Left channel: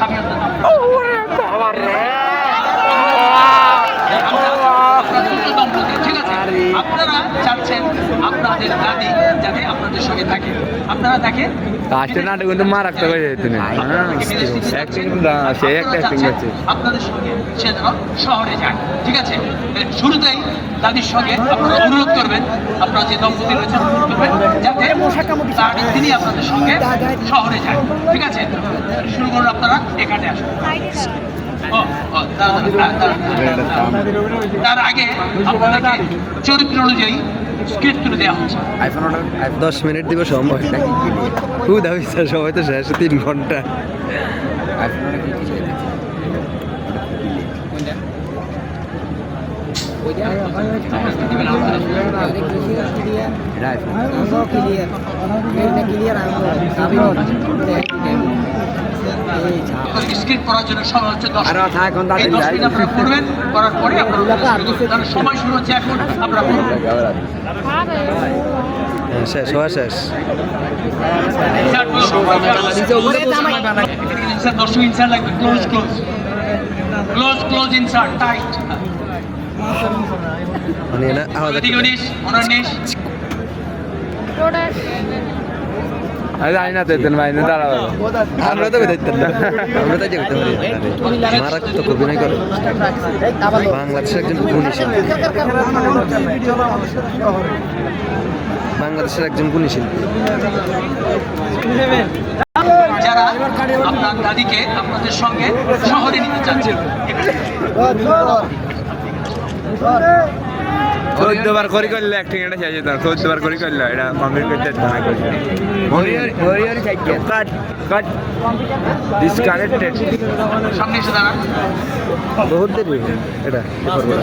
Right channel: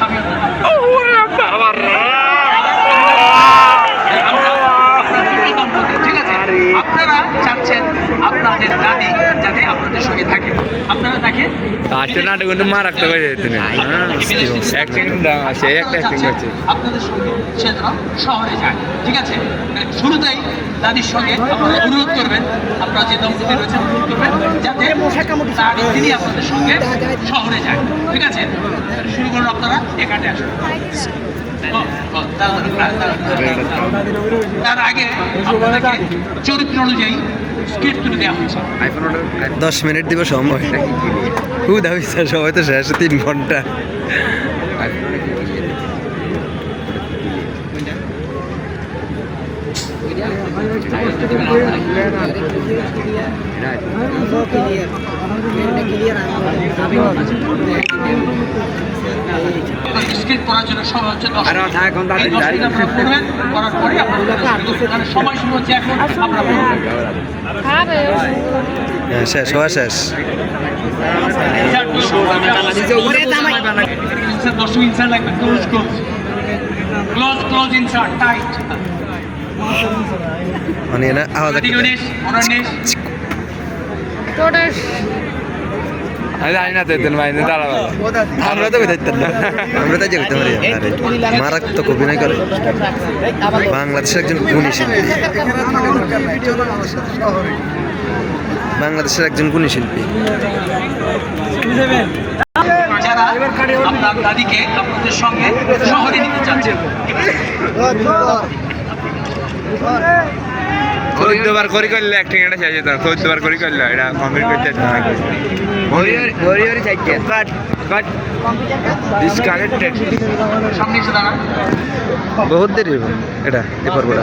স্বামী ঠিক আছে, আপনারা চাচ্ছেন আপনাদের দাদি যাতে আপনাদের সঙ্গে থাকে, আপনারা তাকে আপনাদের সঙ্গে সে যেন শহরে যায়। ঠিক আছে, শুরুতেই দাদির সঙ্গে আপনারা অনুরোধ করবেন, আপনারা যে দম্পতি রয়েছে অনুরোধ করবেন যাতে তিনি আপনাদের সঙ্গে শহরে যায়। ঠিক আছে, শুরু করুন, আপনারা এখানে আসুন। তার আগে আপনাদেরকে চরিত্র অনুযায়ী স্ক্রিপ্ট তুলে দেওয়া হচ্ছে। 10 মিনিট দিব সময়, খুব দাবি সময় তো শেষ 3 ঘন্টা। স্ক্রিপ্ট করার জন্য সময় হচ্ছে 10 মিনিট। এই 10 মিনিট আপনারা করবেন, করার পরে আপনারা সময় শুরু হচ্ছে এখন, আপনারা করবেন। শেষ হওয়া শেষ। দর্শক ইনসার্ট লাগবে, close close close close insert tight. মানে না আওয়াজ আমরা তো বেরোতেন না, আমরা তাই যেতে পারি। মারাত্মক অভিনয় করে বাংলাদেশের একজন গুণী শিল্পী, বাংলাদেশের একজন গুণী শিল্পী। যারা আপনার দাদিকে আপনাদের সঙ্গে শহরে নিতে চাচ্ছেন, 14 বার করে করলে অ্যাক্টিং এটা শেষ হতো, 14 বার করে করলে এটা কমপ্লিট করতে বাট ডিসকানেক্টেড। সামনে এসে দাঁড়ান, বহুত দেরি হবে এটা এরপর বড়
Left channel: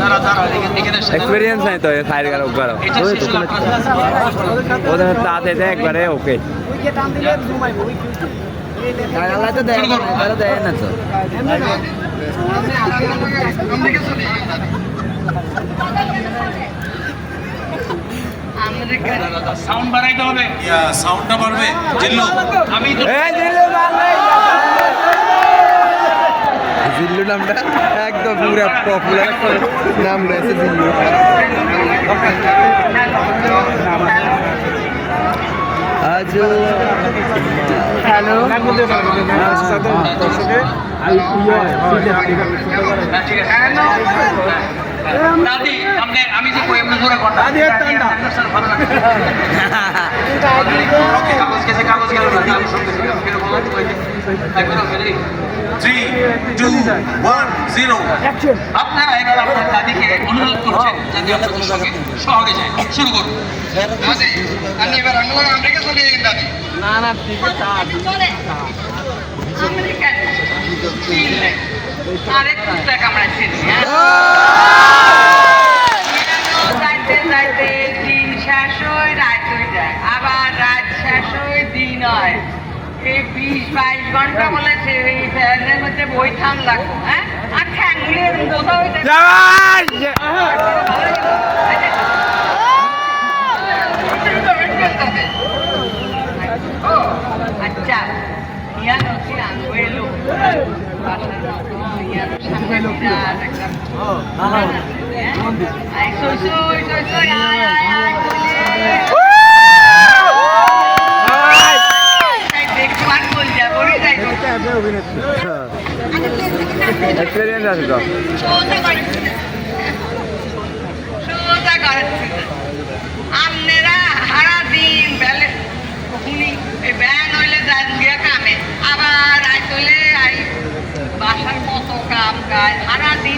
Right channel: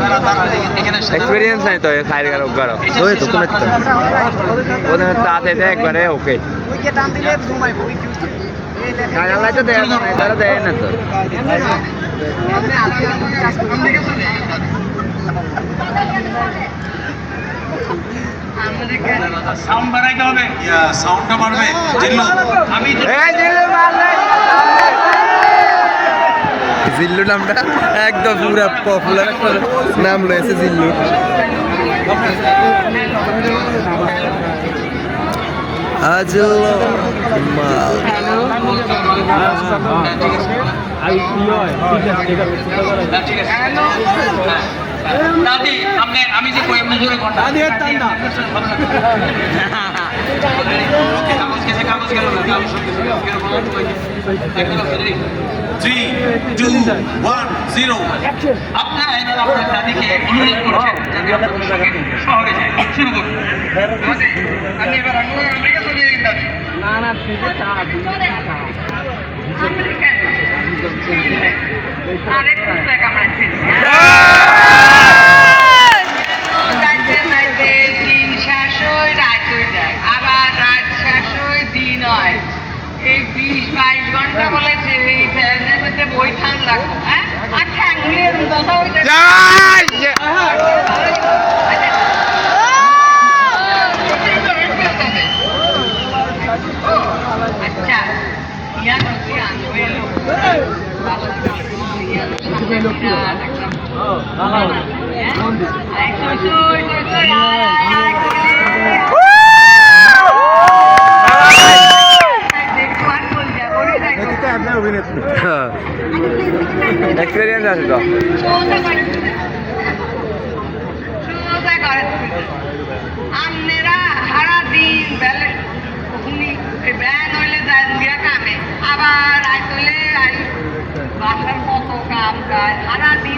এক্সপেরিয়েন্স নাই তো ফায়ার গেল উপর ওই তো কোন একটা ওদের তাতে একবারে ওকে গালা তো দেয় না, গালা দেয় না তো। সাউন্ড বাড়াইতে হবে, সাউন্ডটা বাড়বে। জিল্লু, আমি জিল্লু নামটা একদম পুরা পপুলার একটা নাম রয়েছে জিল্লু। আজ আমি যে কই আপনার ধরে কথা কাগজ কেসে কাগজ গেল কাগজ সব কিছু 3, 2, 1, 0 আপনারা এবার আপনার দাদিকে অনুরোধ করছেন যাতে আপনাদের সঙ্গে শহরে যায়। শুরু করুন। আমি এবার আমেরিকা চলে যাই দাদি। না না ঠিক আছে, আমেরিকা আরেক পুস্তক আমরা চিনি। দিন শেষ হয়, রাত হয়ে যায়, আবার রাত শেষ হয়, দিন হয়। এই 20-22 ঘন্টা বলেছে এই ফ্যানের মধ্যে বই ঠান লাগবে। হ্যাঁ, আর ঠ্যাংগুলির কোথাও আচ্ছা, ইয়ান হচ্ছে আনবে লোক আপনারা সারা দিন বেলে